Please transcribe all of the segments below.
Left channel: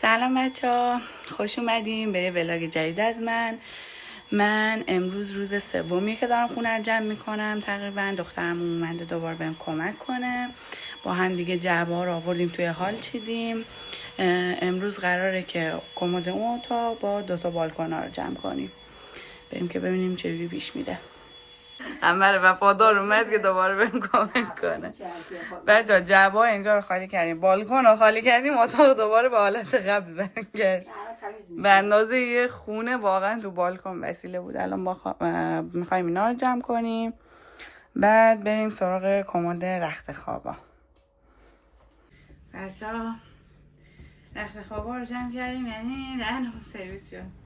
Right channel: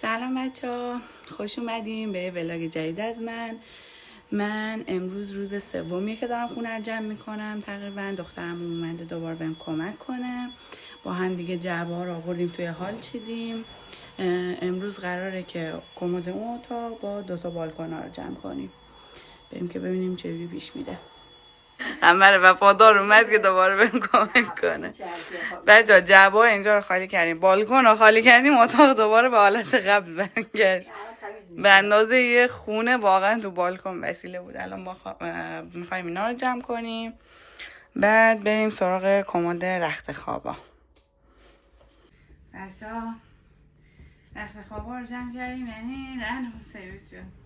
سلام بچه‌ها، خوش اومدیم به یه ولاگ جدید از من امروز روز سومیه که دارم خونه رو جمع میکنم. تقریبا دخترم اومده دوباره بهم کمک کنه. با هم دیگه جعبه‌ها رو آوردیم توی هال چیدیم. امروز قراره که کمد اون اتاق با 2 بالکن رو جمع کنیم. بریم که ببینیم چجوری پیش میره. عمر وفادار اومد که دوباره بهم کمک کنه. بچه‌ها جعبه‌ها اینجا رو خالی کردیم، بالکن رو خالی کردیم، اتاق دوباره به حالت قبل برگشت. به اندازه یه خونه واقعا تو بالکن وسیله بود. الان میخوایم اینا رو جمع کنیم، بعد بریم سراغ کمد رخت خوابا. بچه‌ها رخت خوابا رو جمع کردیم، یعنی دهنمون سرویس شد.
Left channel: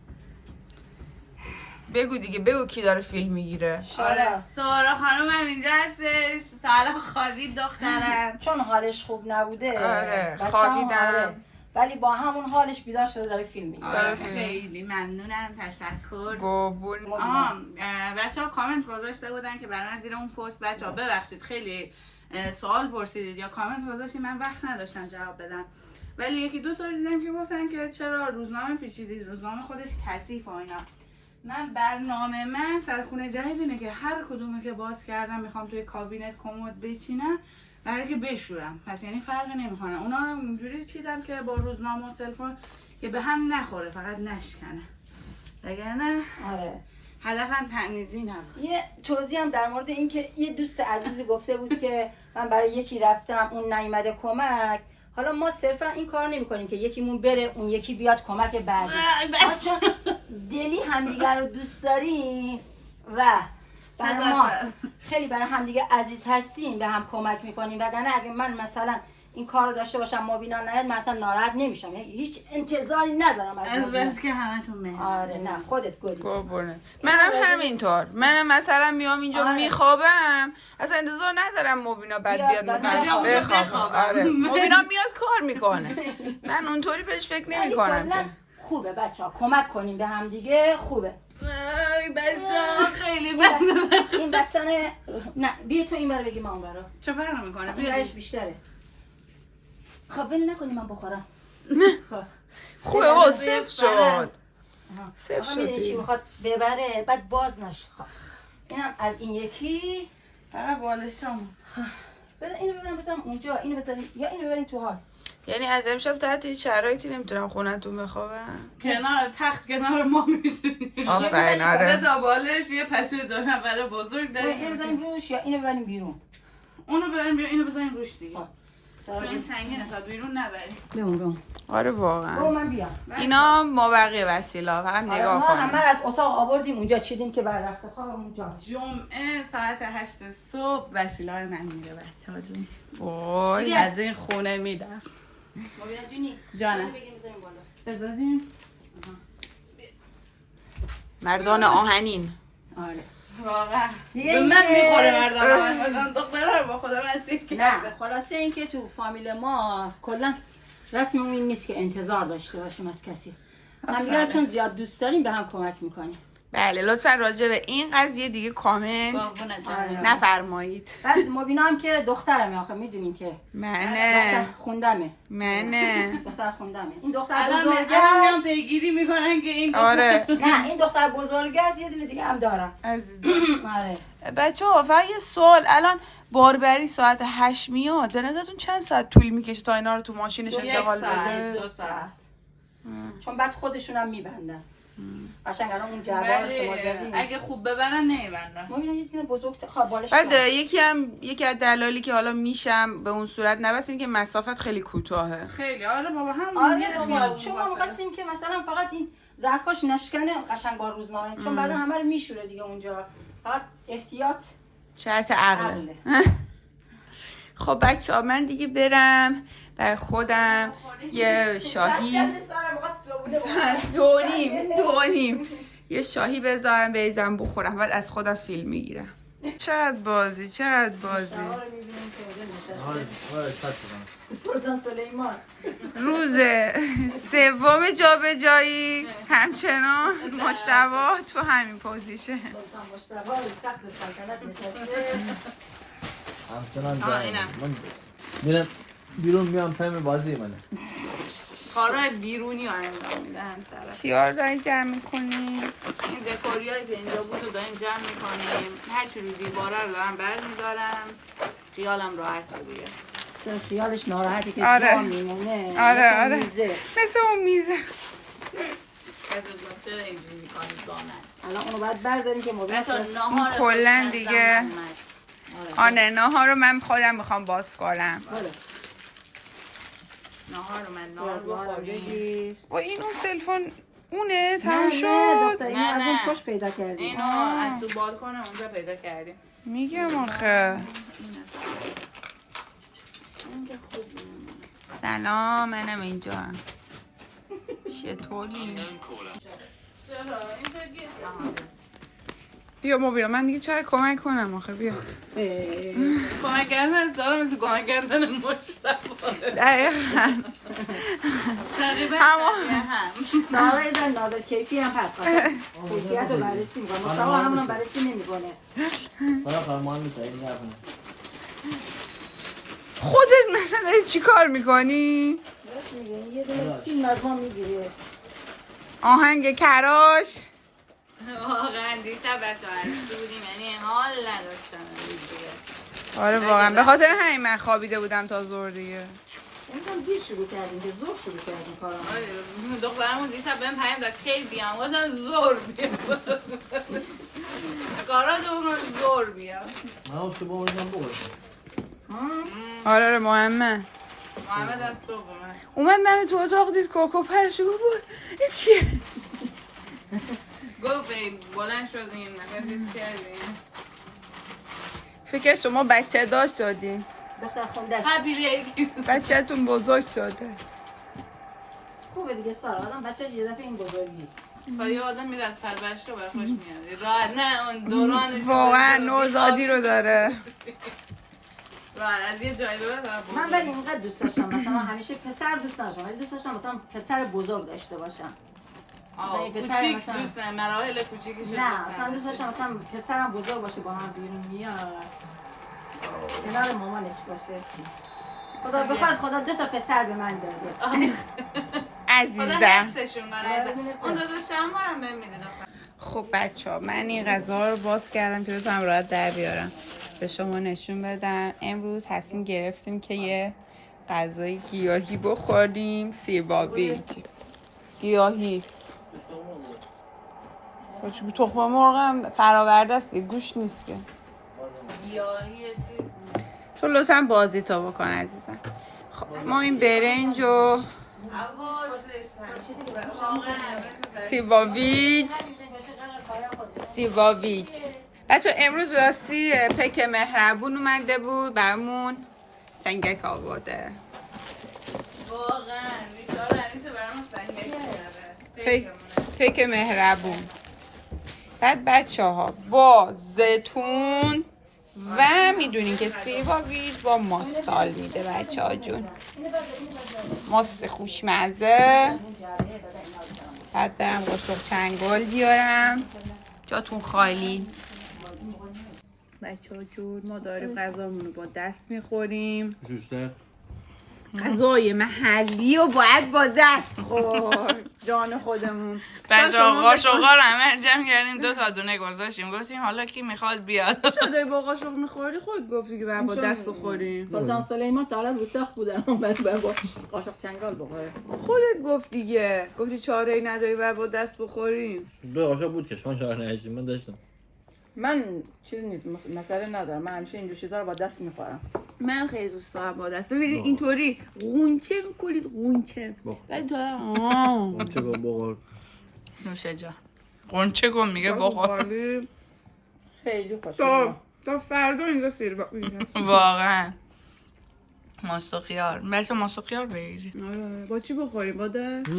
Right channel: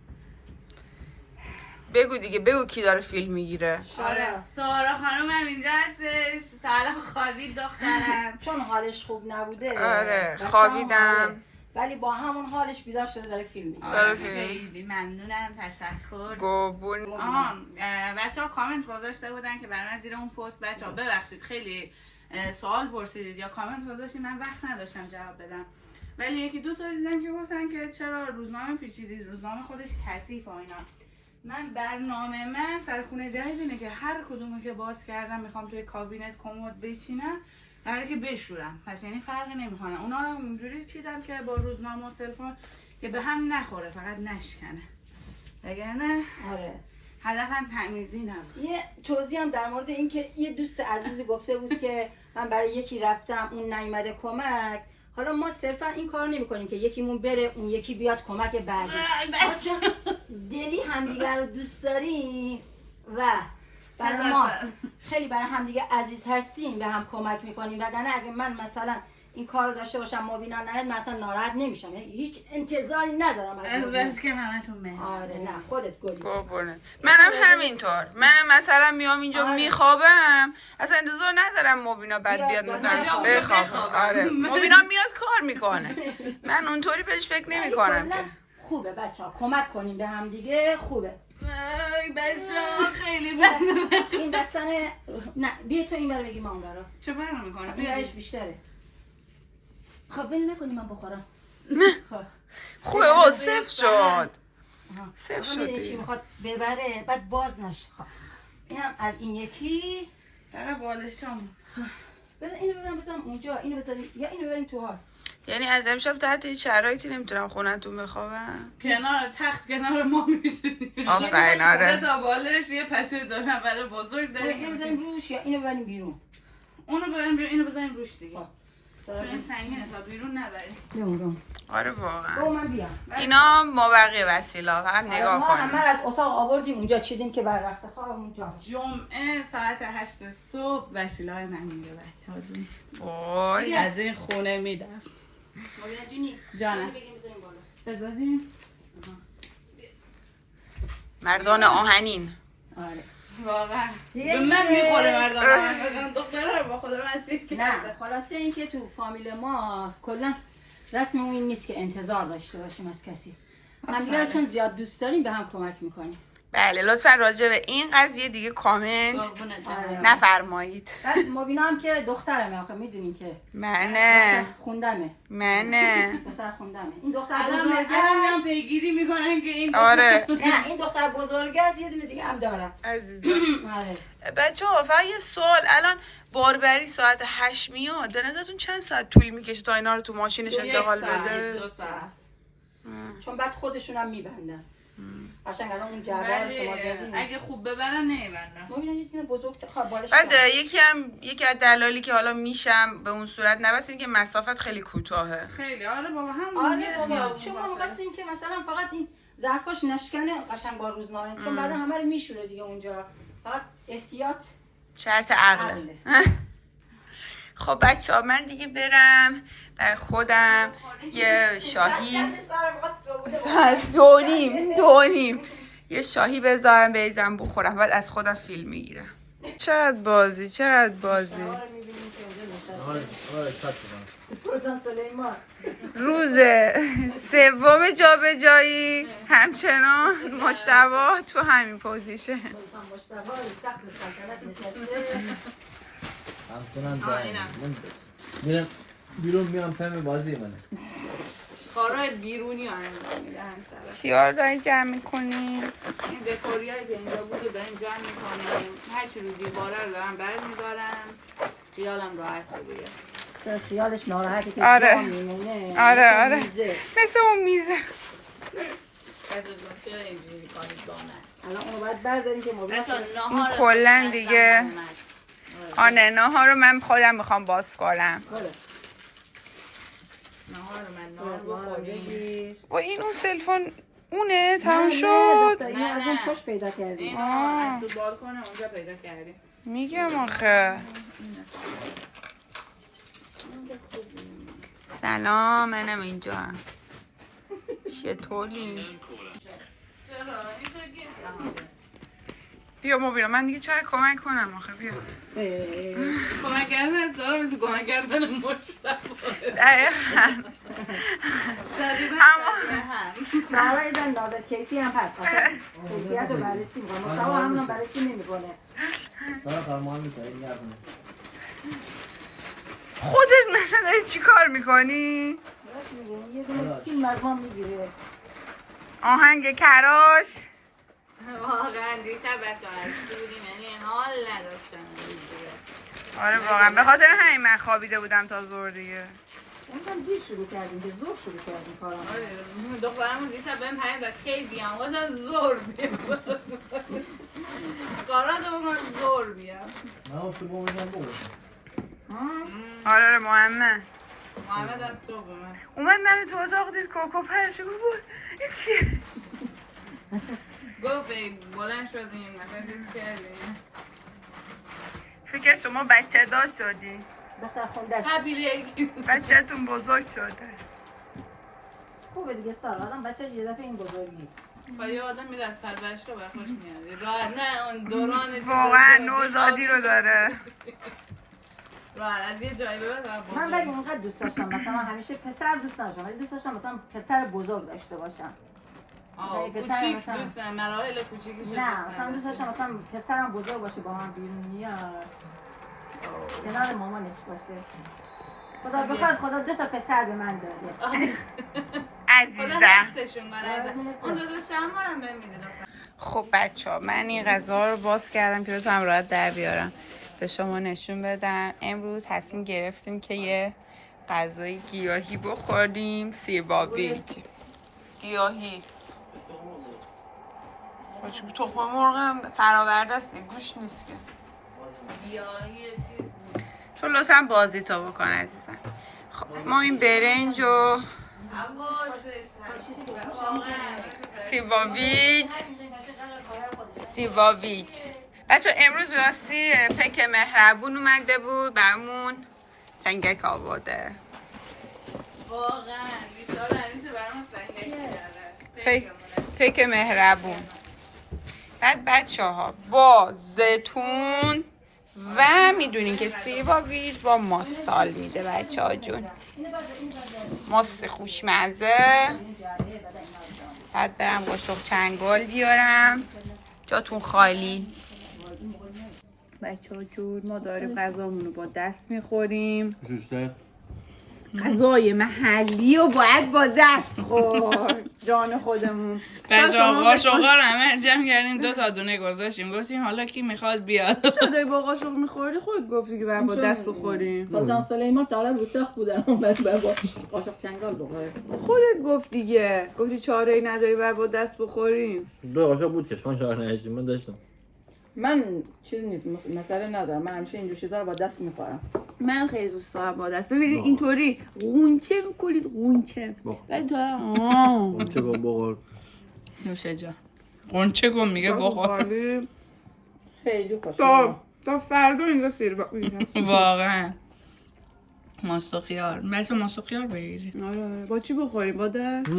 بگو دیگه، بگو کی داره فیلم میگیره. آره سارا خانم هم اینجا هستش، تا الان خوابید دخترم. چون حالش خوب نبوده. آره خوابیدم، ولی با همون حالش بیدار شده داره فیلم میگیره. آره خیلی ممنونم، تشکر. گوبون. بچه‌ها کامنت گذاشته بودن که برای من زیر اون پست، بچه‌ها ببخشید خیلی سوال پرسیدید یا کامنت گذاشتید، من وقت نداشتم جواب بدم، ولی یکی دو تا دیدم که گفتن که چرا روزنامه پیچیدید، روزنامه خودش کثیف و اینا. من برنامه من سر خونه جدید اینه که هر کدومه که باز کردم میخوام توی کابینت کمد بچینم، قراره که بشورم، پس یعنی فرقی نمیکنه. اونا هم اونجوری چیدم که با روزنامه و سلفون که به هم نخوره، فقط نشکنه، وگرنه آره هدفم تمیزی نبود. یه توضیح هم در مورد این که یه دوست عزیزی گفته بود که من برای یکی رفتم اون نیومده کمک. حالا ما صرفا این کار نمی کنیم که یکیمون بره اون یکی بیاد کمک بعدی، چون دلی همدیگر رو دوست داریم و برای ما خیلی برای همدیگه عزیز هستیم، به هم کمک میکنیم. وگرنه اگه من مثلا این کار رو داشته باشم مبینا نیاد، من اصلا ناراحت نمیشم، هیچ انتظاری ندارم از بس که همتون مهربون. آره نه خودت گلی. گوبونه. منم همینطور، منم مثلا میام اینجا میخوابم، اصلا انتظار ندارم مبینا بعد بیاد مثلا بخوابم. آره مبینا میاد کار میکنه، من اونطوری بهش فکر نمیکنم که. خوبه بچه‌ها کمک کنیم به هم دیگه، خوبه. بچه‌ها خیلی بده. این دستانه نه بیا تو این برو بگی ما اون برو. چه فرق میکنه؟ این برش بیشتره. خب ول نکنی من بخورم. خب خوبه ها، صفر شد. صفر شد. چی میخواد ببره بعد باز نشه. خب اینم از این یکی. فقط بالشم. بذار اینو ببرم بذارم اونجا، اینو بذاریم یا اینو ببریم تو حال. یعنی از امشب تحت هیچ شرایطی نمیتونم خونتون بخوابم؟ کنار تخت کنار ما میتونیم. آفرین. آره 3 تا بالش، یه پتوی 2 نفره بزرگ داریم. اینو بذاریم روش یا اینو ببریم بیرون؟ اونو ببریم بیرون، اینو بذاریم روش دیگه. چون این سنگینه تا بیرون نبریم. بیرون. آره واقعا. با من بیام. اینا ما بقیه وسیله، فقط نگاه ما کنیم. همه از اتاق آوردیم اونجا چیدیم که بر رفته خواب اونجا. جمعه ساعت 8 صبح وسیله‌های من میره بچه‌ها جون. وای از این خونه میدم. مویا جونی جانم. بذاریم. مردان آهنین. آره. واقعا. دیگه به من میخوره مردم آهنین. دختره رو با خودم اسیر نه خلاصه این که تو فامیل ما کلا رسم این نیست که انتظار داشته باشیم از کسی. هم دیگه چون زیاد دوست داریم به هم کمک میکنیم. بله لطفا راجع به این قضیه دیگه کامنت نفرمایید. بعد مبینا هم که دخترمه، آخه میدونین که منه خوندمه. دختر خوندمه. این دختر بزرگه هم پیگیری میکنن که این آره نه این دختر بزرگه است، یه دونه دیگه هم دارم عزیزم. آره بچه ها فقط یه سوال، الان باربری ساعت 8 میاد، به نظرتون چند ساعت طول میکشه تا اینا رو تو ماشینش استقال بده؟ 2 ساعت. چون بعد خودشون هم میبندن. قشنگ الان اون جوار که ما زدیم اگه خوب ببرن نمیبندن. مبینا یه دونه بزرگ بالش. بعد یکی از دلالی که حالا میشم به اون صورت نبستیم که مسافت خیلی کوتاهه. خیلی آره بابا هم. آره بابا چون ما می‌خواستیم که مثلا فقط این ظرفاش نشکنه قشنگ با روزنامه، چون بعدا همه رو میشوره دیگه اونجا، فقط احتیاط شرط عقله. خب بچه ها من دیگه برم برای خودم یه شاهی ساعت 2:30 یه شاهی بذارم بریزم بخورم، بعد از خودم فیلم میگیرم. چقدر بازی سلطان سلیمان. روز سوم جابجایی همچنان مجتبی تو همین پوزیشن. همچنان بیرون میام فهم بازی منه. کارهای بیرونی ها انجام میده همسر. چیار داری جمع میکنی؟ این دکوری هایی که اینجا بود رو داریم جمع میکنیم. هرچی رو دیواره رو دارم برمیدارم. خیالم راحت دیگه. خیالش ناراحتی که آره. جا میمونه. آره میزه. مثل اون میزه. چرا اینجوری میکنید با من؟ الان اونو باید برداریم که مبین این کلن دیگه. آره ناهار رو من خودم میخوام باز کنم. ناهار رو من ناهار بخوریم. و این اون سلفون اونه تمام شد. این از اون پشت پیدا کردیم. اینو از تو بالکن اونجا پیدا کردیم. میگم آخه سلام منم اینجا هم چطوری؟ بیا مبینا من دیگه چقدر کمک کنم آخه بیا کمک کردن سارا مثل کمک کردن مشتبه دقیقا تقریبا هم سارا یه زن نازد کیفی هم هست کیفیت رو بررسی میکنه مشتبه همونو بررسی نمیکنه سارا فرمان میشه این نکنه خودت مثلا داری چی کار میکنی؟ یه دونه فیلم از ما میگیره آهنگ کراش واقعا دیشب بچه ها عرصی بودیم یعنی حال نداشتم آره واقعا به خاطر همین من خوابیده بودم تا زور دیگه اونم دیر شروع کردیم که زور شروع کردیم کارم دخترمون دیشب بهم پیام داد کی بیام گفتم زور بیام کاراتو بکن زور بیام من اون شبه اونجا بگوشم آره مهمه محمد از صبح اومد اومد من تو اتاق دید کوکو پرشو گفت این کیه؟ گفت بلند شدین مثلا چیز کردین فکر شما بچه داشت شدین دختر خوندش قبیله بچه‌تون بزرگ شده خوبه دیگه سارا آدم بچه‌ش یه دفعه این بزرگی یه آدم میره از پرورش رو برخوش میاد راحت نه اون دوران واقعا نوزادی رو داره راحت از یه جایی به بعد من ولی اونقدر دوست داشتم مثلا همیشه پسر دوست داشتم ولی دوست داشتم مثلا پسر بزرگ داشته باشم کوچیک دوست دارم مراحل کوچیکش رو نه مثلا دوست داشتم مثلا پسرم بزرگ باشه با من بیرون میاد کنار مامانش باشه خدا بخواد خدا 2 تا پسر به من داده خدا عزیزم حفظشون کنه اون 2 شمارم بهم میده دختر خب بچه‌ها من این غذا رو باز کردم که بتونم راحت در بیارم به شما نشون بدم امروز تصمیم گرفتیم که یه غذای گیاهی بخوریم سیباویج گیاهی تخم مرغ هم فراورده است گوش نیست که گیاهی چیز تو لطفا بازی تو بکن عزیزم خب ما این برنج و سیباویج بچه امروز راستی پک مهربون اومده بود برامون سنگک آورده واقعا بیچاره همیشه برامون سنگک میاره پک مهربون بعد بچه ها با زیتون و میدونین که سیباویج با ماستال میده بچه ها جون ماست خوشمزه بعد برم قاشق چنگال بیارم جاتون خالی بچه ها جون ما داریم غذامون رو با دست میخوریم غذای محلی و باید با دست خورد جان خودمون قاشق‌ها رو همه جمع کردیم 2 تا دونه گذاشتیم گفتیم حالا کی میخواد بیاد شده با قاشق میخوردی خود گفتی که باید با دست بخوریم سلطان سلیمان تا حالا رو تخت بودن اومد با قاشق چنگال بخوره خودت گفتی دیگه گفتی چاره ای نداری باید با دست بخوریم 2 قاشق بود که شما 4 نهشتیم من داشتم من چیز نیست مسئله ندارم من همیشه اینجور چیزا رو با دست میخورم من خیلی دوست دارم با دست ببینید اینطوری غونچه میکنید غونچه ولی تو چه بخور نوشه جا قنچه کن میگه بخور خیلی خوشمزه تا فردا اینجا سیر واقعا ماست و خیار بچه ماست و خیار بگیری آره با چی بخوریم با دست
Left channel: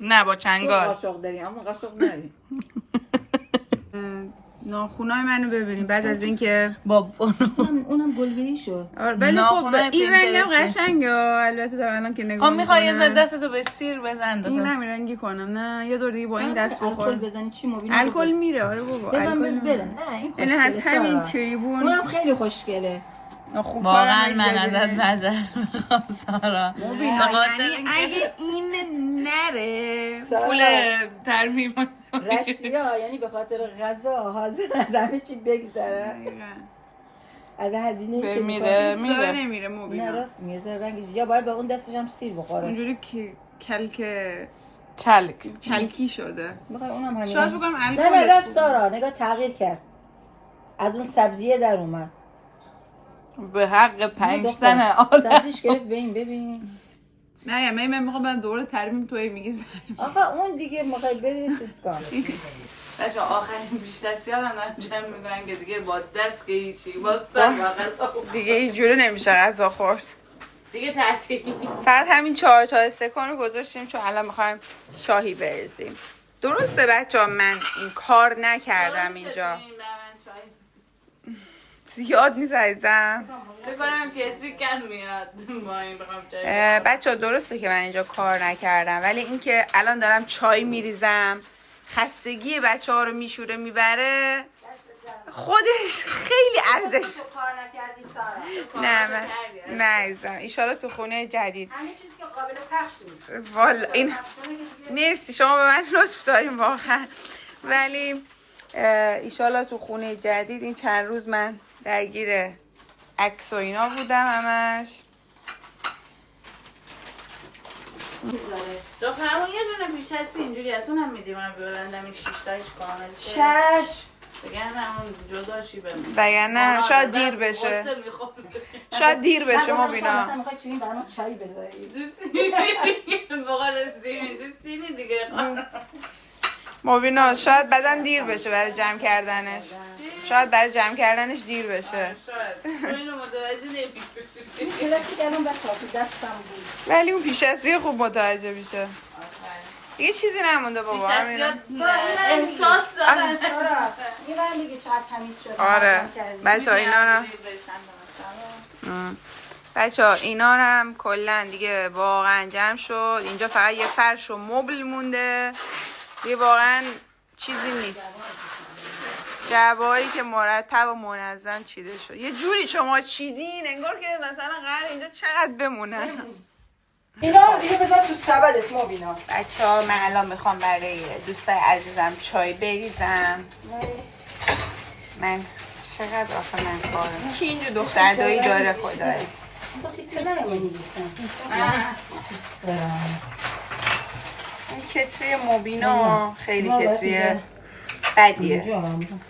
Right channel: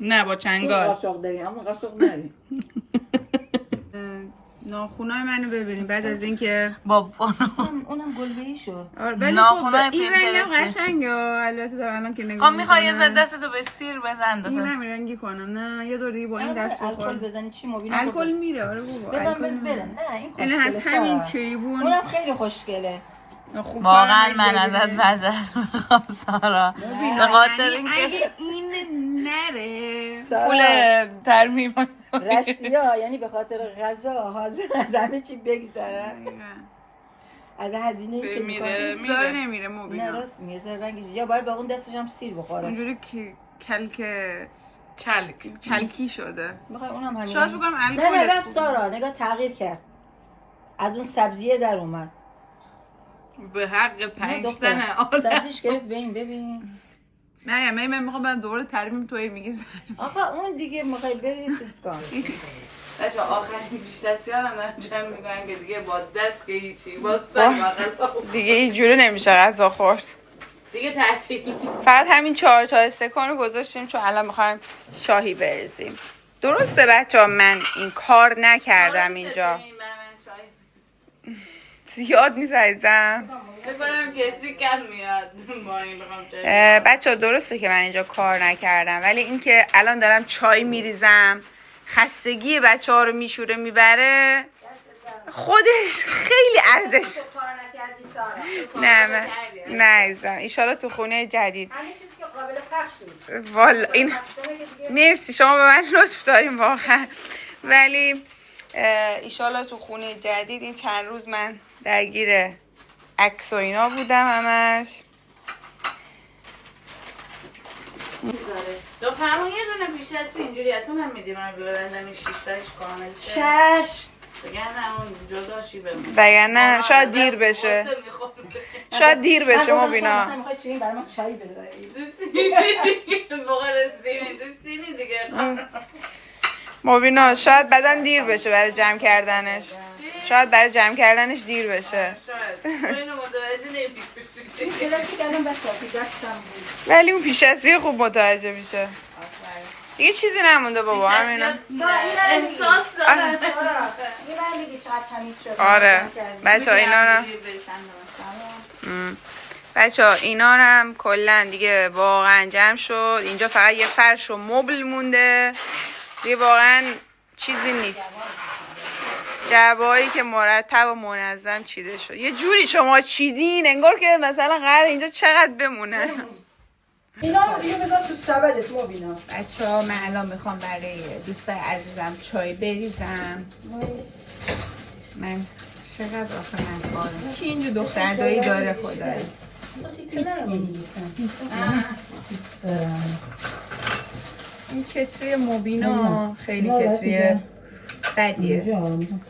نه با چنگال قاشق داریم اما قاشق نداریم ناخونای منو ببینیم بعد از اینکه با اونم گلگیری شد ولی خب این رنگم قشنگه البته دارم الان که نگاه میکنم میخوای یه ذره دستتو به سیر بزن این نمیرنگی کنم نه یه دور دیگه با این دست الکل بخور بزنی چی مبین الکل میره آره بابا الکل میره این یعنی از همین تریبون اونم خیلی خوشگله واقعا من ازت معذرت میخوام سارا، به خاطر اگه این نره پول ترمیم رشدیا یعنی به خاطر غذا حاضر از همه چی بگذره، از هزینه‌ای که میره داره نمیره نه مبینا راست میگه زرنگش، یا باید با اون دستش هم سیر بخوره اونجوری که کلک چلکی شده. میخوای اونم همین شاید بگم نه الکل رفت سارا نگاه تغییر کرد، از اون سبزیه در اومد به حق پنجتن سبزیش گرفت ببین نه من میخوام من دوره ترمیم توی میگی زن آقا اون دیگه میخوای بری چیز کن بچه آخرین بیشتر هم دارم جمع میکنن که دیگه با دست که هیچی با سر با غذا دیگه اینجوری نمیشه غذا خورد دیگه تعطیل. فقط همین 4 تا استکان رو گذاشتیم چون الان میخوایم شاهی بریزیم. درسته بچه ها من این کار نکردم اینجا زیاد نیست عزیزم فکر کنم کتری کم میاد با این بخوام چای بچه ها درسته که من اینجا کار نکردم ولی اینکه الان دارم چای میریزم خستگی بچه ها رو میشوره میبره خودش خیلی ارزش کار نکردی سارا نه عزیزم ایشالا تو خونه جدید همه چیزی که قابل پخش نیست والا این مرسی شما به من لطف داریم واقعا ولی ایشالا تو خونه جدید این چند روز من درگیر عکس و اینا بودم همش دخترمون یه دونه پیش هستی اینجوری اصلا هم میدیم من ببندم این 6 تاش کامل شه شش بگن همون جداشی بمون وگرنه شاید دیر بشه شاید دیر بشه مبینا مثلا میخوای چی برای ما چای بذاری تو سینی بقول سیمین تو سینی دیگه مبینا شاید بعداً دیر بشه برای جمع کردنش شاید برای جمع کردنش دیر بشه شاید تو اینو متوجه نمیشی کلاسی کردم بس کافی دستم بود ولی اون پیش ازی خوب متوجه میشه دیگه چیزی نمونده بابا همینا احساس دارم این برم دیگه چقدر تمیز شد آره بچه ها اینا بچه ها اینا هم کلن دیگه واقعا جمع شد اینجا فقط یه فرش و مبل مونده دیگه واقعا چیزی نیست جعبه‌هایی که مرتب و منظم چیده شد یه جوری شما چیدین انگار که مثلا قرار اینجا چقدر بمونن اینا دیگه بذار تو سبدت مبینا بچه ها من الان میخوام برای دوستای عزیزم چای بریزم من چقدر آخه من کارم کی اینجا دختر دایی داره خدایی این کتری مبینا خیلی کتری بدیه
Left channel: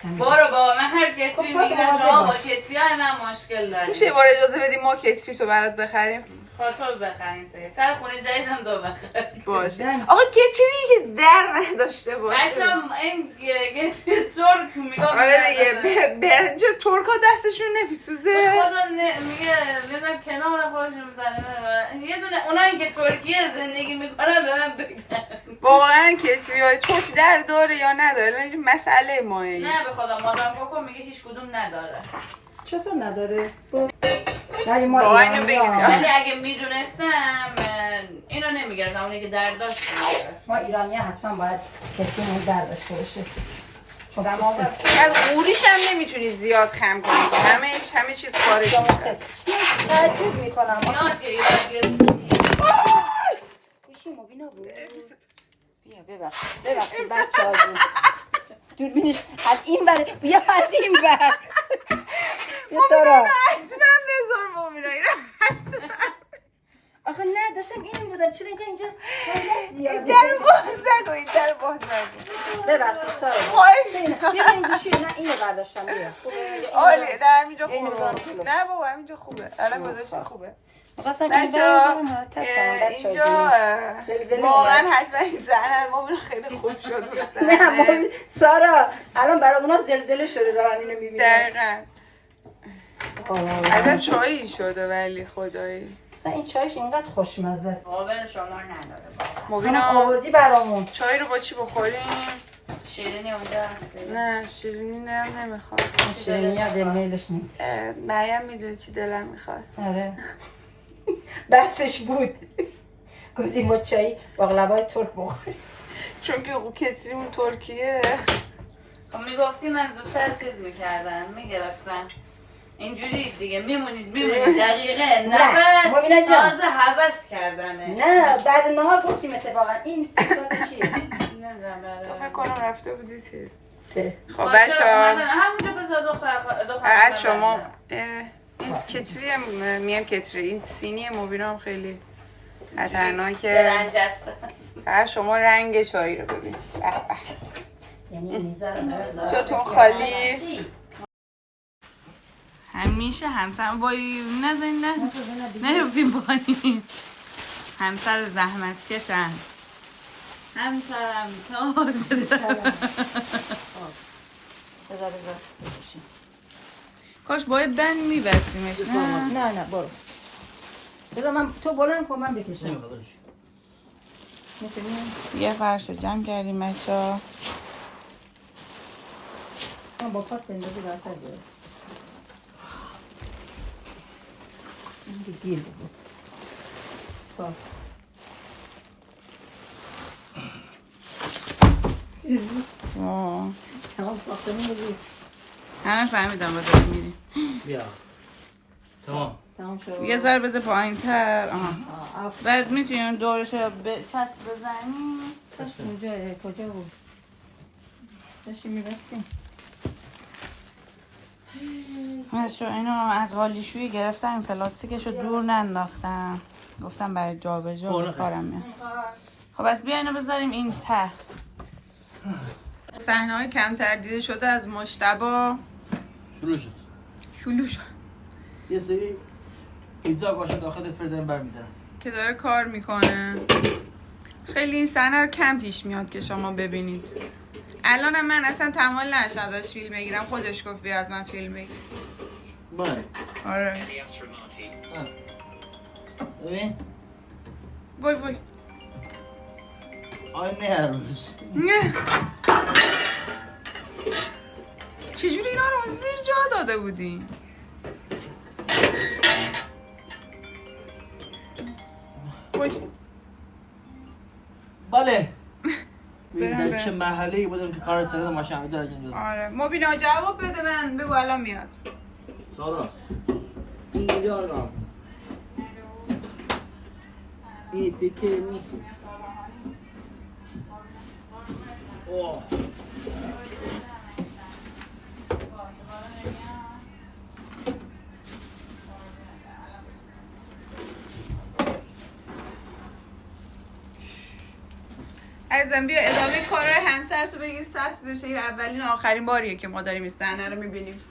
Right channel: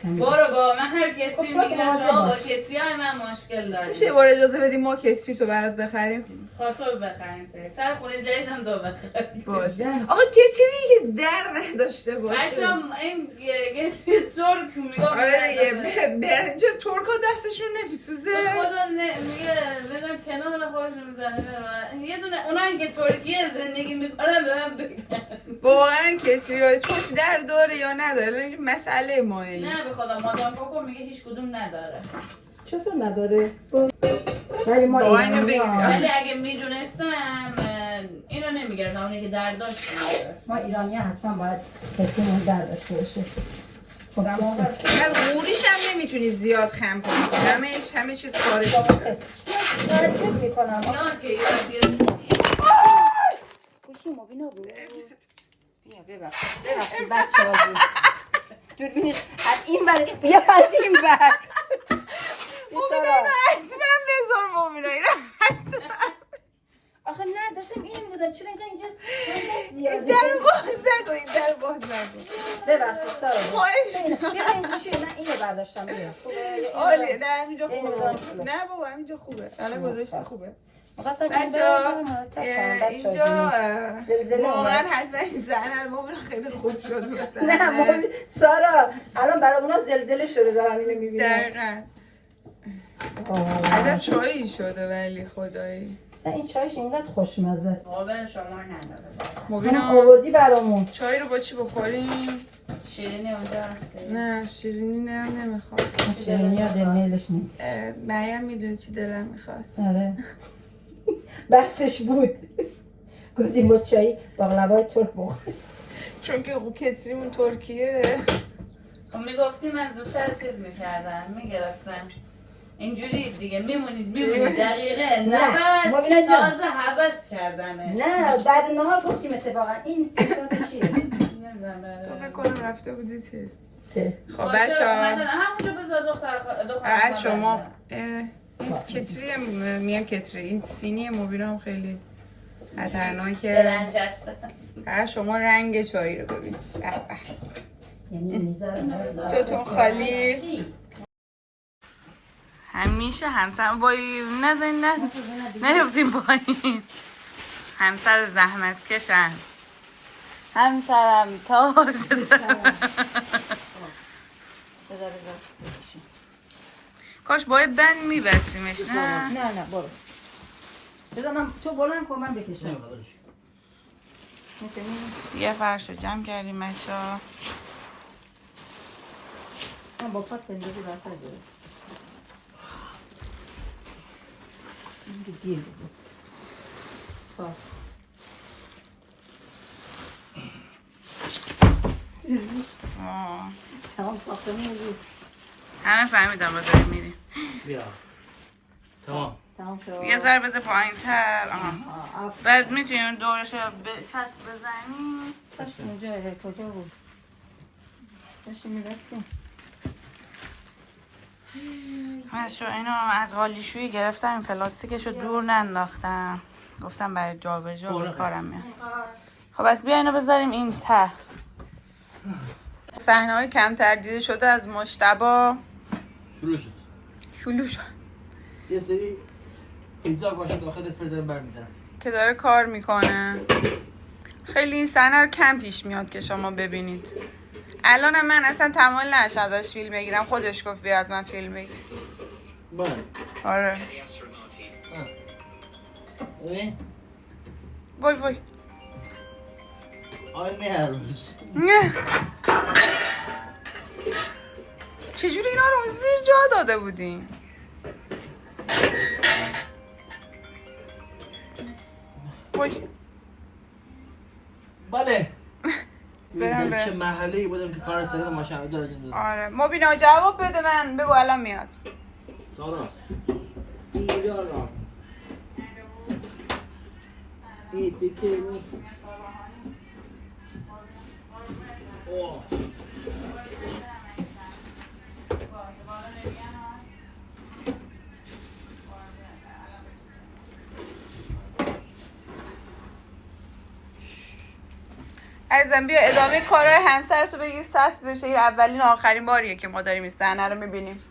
برو با من هر کتری میگیرم شما با کتری های من مشکل داریم میشه بار اجازه بدیم ما کتری تو برات بخریم خاطر بخریم سر خونه جدیدم دو بخریم باشه آقا کتری که در نداشته باشه بچه این کتری ترک میگم آره دیگه برنج ترک ها دستشون نمیسوزه خدا میگه بدونم کنار خودشون میزنه یه دونه اونایی که ترکیه زندگی میکنن به من بگن واقعا کتری های ترک در داره یا نداره مسئله ماه این نه به خدا مادام کوکو میگه هیچ کدوم نداره چطور نداره؟ ولی ما واقعا اینو بگید ولی اگه میدونستم اینو نمیگرفتم اونی که در داشت ما ایرانی حتما باید کتریمون در داشته باشه بعد قوریش هم نمیتونی زیاد خم کنی که همه چیز خارج میشه تعجب میکنم یاد پوشی مبینا بود بیا ببخشید بچه ها بود دوربینش از این بر بیا از این بر بیا سارا من بذار مومینا اینا آخه نه داشتم اینو بودم چرا اینجا در باز نگو این در باز نگو ببخشید سارا خواهش بیا این گوشی نه اینو برداشتم بیا عالی نه همینجا خوبه نه بابا همینجا خوبه الان گذاشتی خوبه می‌خواستم بچه اینجا واقعا حتما این زنه رو مومینا خیلی خوب شد نه سارا الان برای اونا زلزله شده دارن اینو میبینن دقیقا ازت چایی شده ولی خدایی این چایش اینقدر خوشمزه است قابل شما نداره مبینا آوردی برامون چای رو با چی بخوریم؟ شیرینی اونجا هستی نه شیرینی هم نمیخواد شیرینی ها دل میلش نیم مریم میدونه چی دلم میخواد آره بحثش بود گفتیم با چایی باقلوای ترک بخوریم چون که کتریمون ترکیه میگفتیم من زودتر چیز میکردن میگرفتن اینجوری دیگه میمونید دقیقه نه، 90 مبینا جان. تازه هوس کردنه. نه بعد نهار گفتیم اتفاقا این فکر چیه؟ نمیدونم تو فکر کنم رفته بودی چیز. سه. خب بچه ها همونجا بذار دختر بعد شما کتری میم کتری این سینی مبینا هم خیلی خطرناکه. رنجسته. فقط شما رنگ چای رو ببین. به به. یعنی میذارم جاتون خالی. همیشه همسر وای نزنید نیفتیم پایین. همسر زحمت کشن. همسرم تاج کاش باید بند میبستیمش نه؟ نه برو بذار من تو بلند کن من بکشم نمیخواد. میتونی؟ یه فرش رو جمع کردیم بچه ها. من با پات بندازی برتر بیاره این که گیر بود پات تمام ساختمون رو بود همه فهمیدم با داری میری. بیا تمام. تمام شد یه ذره بذار پایین تر. آف بعد میتونیم دورش رو چسب بزنیم. چسب کجا بود داشتیم میبستیم اینو از قالیشویی گرفتم این پلاستیکش رو دور ننداختم گفتم برای جا به جا به کارم میاد. خب بس بیا اینو بذاریم این ته. صحنه‌های کمتر دیده شده از مجتبی شروع شد. شد یه سری پیتزا باشه داخل فردن برمی‌دارم. که داره کار میکنه. خیلی این صحنه رو کم پیش میاد که شما ببینید. الانم من اصلا تمایل نشم ازش فیلم بگیرم. خودش گفت بیا از من فیلم بگیر. بله. آره. ببین وای وای. آی مهروز. چجوری اینا رو زیر جا داده بودین؟ وای. بله. برم در چه به محله‌ای بودم که کار سرد ماشین داره انجام دادم. آره مبینا جواب بده من بگو الان میاد. سارا اینجا را این تیکه می اوه عزیزم بیا ادامه کارهای همسرتو بگیر سطح بشه. این اولین و آخرین باریه که ما داریم این صحنه رو میبینیم.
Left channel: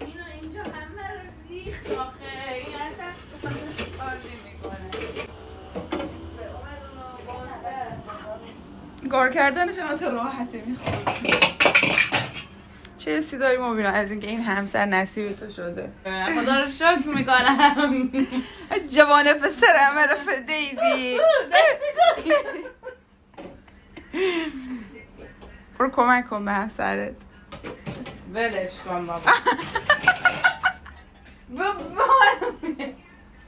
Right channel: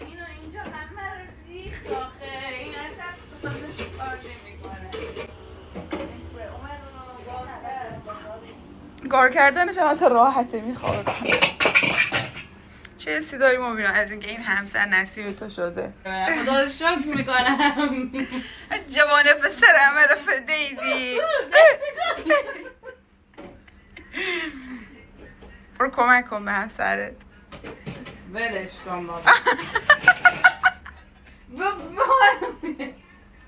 اینو اینجا همه رو ریخت آخه این اصلا کار کردنش هم تا راحته میخواد. چه حسی داری مبینا از اینکه این همسر نصیب تو شده؟ خدا رو شکر میکنم. جوان پسر همه رو فدیدی. برو کمک کن به همسرت. ولش کن بابا.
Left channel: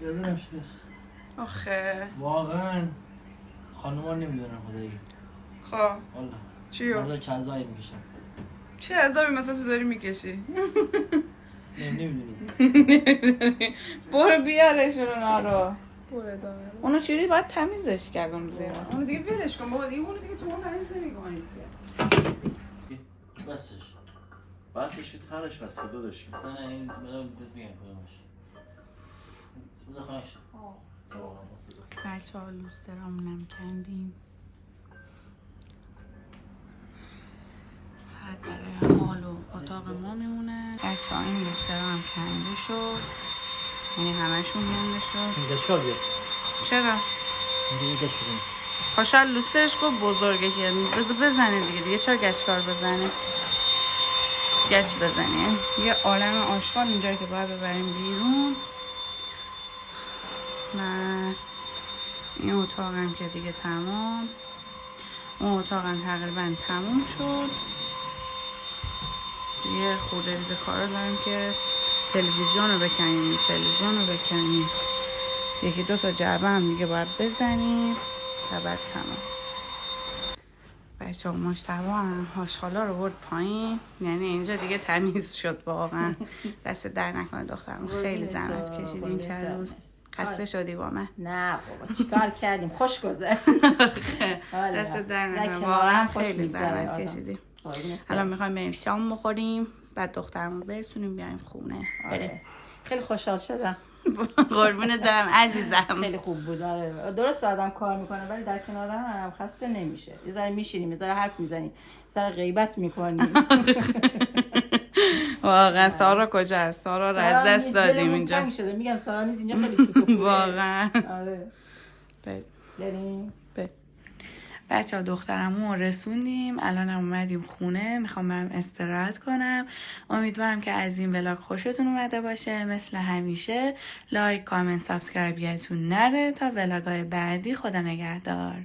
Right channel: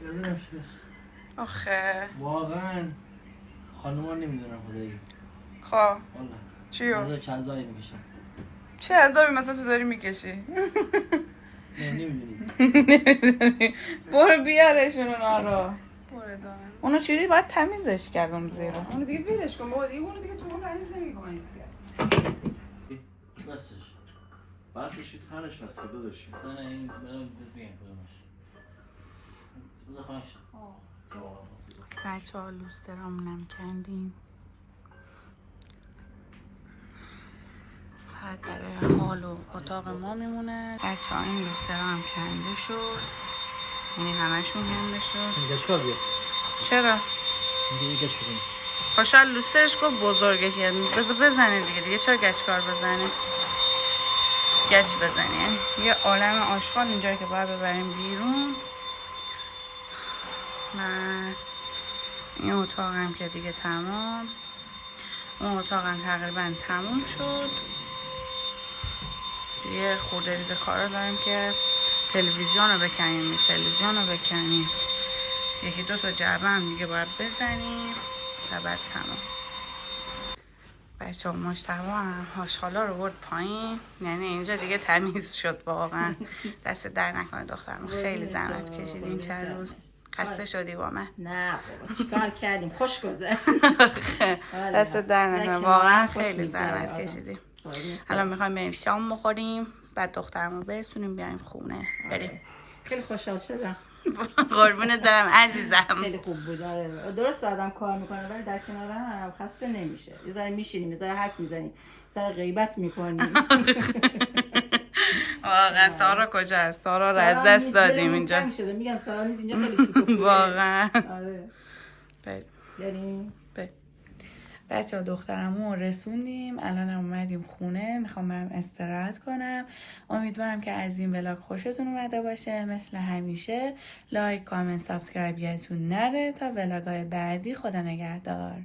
یادم شکست. آخه واقعا خانوما نمیدونن خدایی. خب والا چیو؟ والا چند زایی میکشم. چه عذابی مثلا تو داری میکشی؟ نه نمیدونی. برو بیارش اونا رو. برو دار. اونو چوری باید تمیزش کردم زیرا. اون دیگه ولش کن بابا دیگه اونو دیگه تو اون تمیز نمی‌کنی. بسش بسش تنش بسته داداشی. نه این بگم کدومش. بذار خانش. بچه ها لوسترامونم کندیم. فقط برای حال و اتاق ما میمونه. بچه ها این لوسترا هم کنده شد. یعنی همشون کنده شد. این گشکار بیا. چرا؟ اینجا یه گشت بزنیم. خوشحال لوسترش گفت بزرگه که بذار بزنه دیگه چرا گچکار بزنه؟ گچ بزنه یعنی یه عالم آشغال اینجایی که باید ببریم بیرون. من این اتاقم که دیگه تمام. اون اتاقم تقریبا تموم شد. یه خورده ریز کارا داریم که تلویزیون رو بکنیم، تلویزیون رو بکنیم، یکی دو تا جعبه هم دیگه باید بزنیم و بعد تمام. بچه ها مجتبی هم هاشخالا رو برد پایین، یعنی اینجا دیگه تمیز شد واقعا. دست در نکنه دخترم، خیلی زحمت کشیدین این چند روز. خسته شدی با من؟ نه بابا چیکار کردیم، خوش گذشت. دست در نکنه، واقعا خیلی زحمت کشیدیم. الان میخوایم بریم شام بخوریم، بعد دخترمو برسونیم بیایم خونه. بریم. خیلی خوشحال شدم. قربونت برم عزیزم. خیلی خوب بود. آره درست آدم کار میکنه ولی در کنار هم خسته نمیشه. یه ذره میشینیم، یه ذره حرف میزنیم، یه ذره غیبت میکنیم. واقعا سارا کجا است؟ سارا رو از دست دادیم اینجا. میگم سارا نیست اینجا، خیلی سوت. واقعا. آره. بریم. بچه ها دخترمو رسوندیم، الان هم اومدیم خونه، میخوام برم استراحت کنم. امیدوارم که از این ولاگ خوشتون اومده باشه. مثل همیشه لایک، کامنت، سابسکرایب یادتون نره. تا ولاگ‌های بعدی، خدا نگهدار.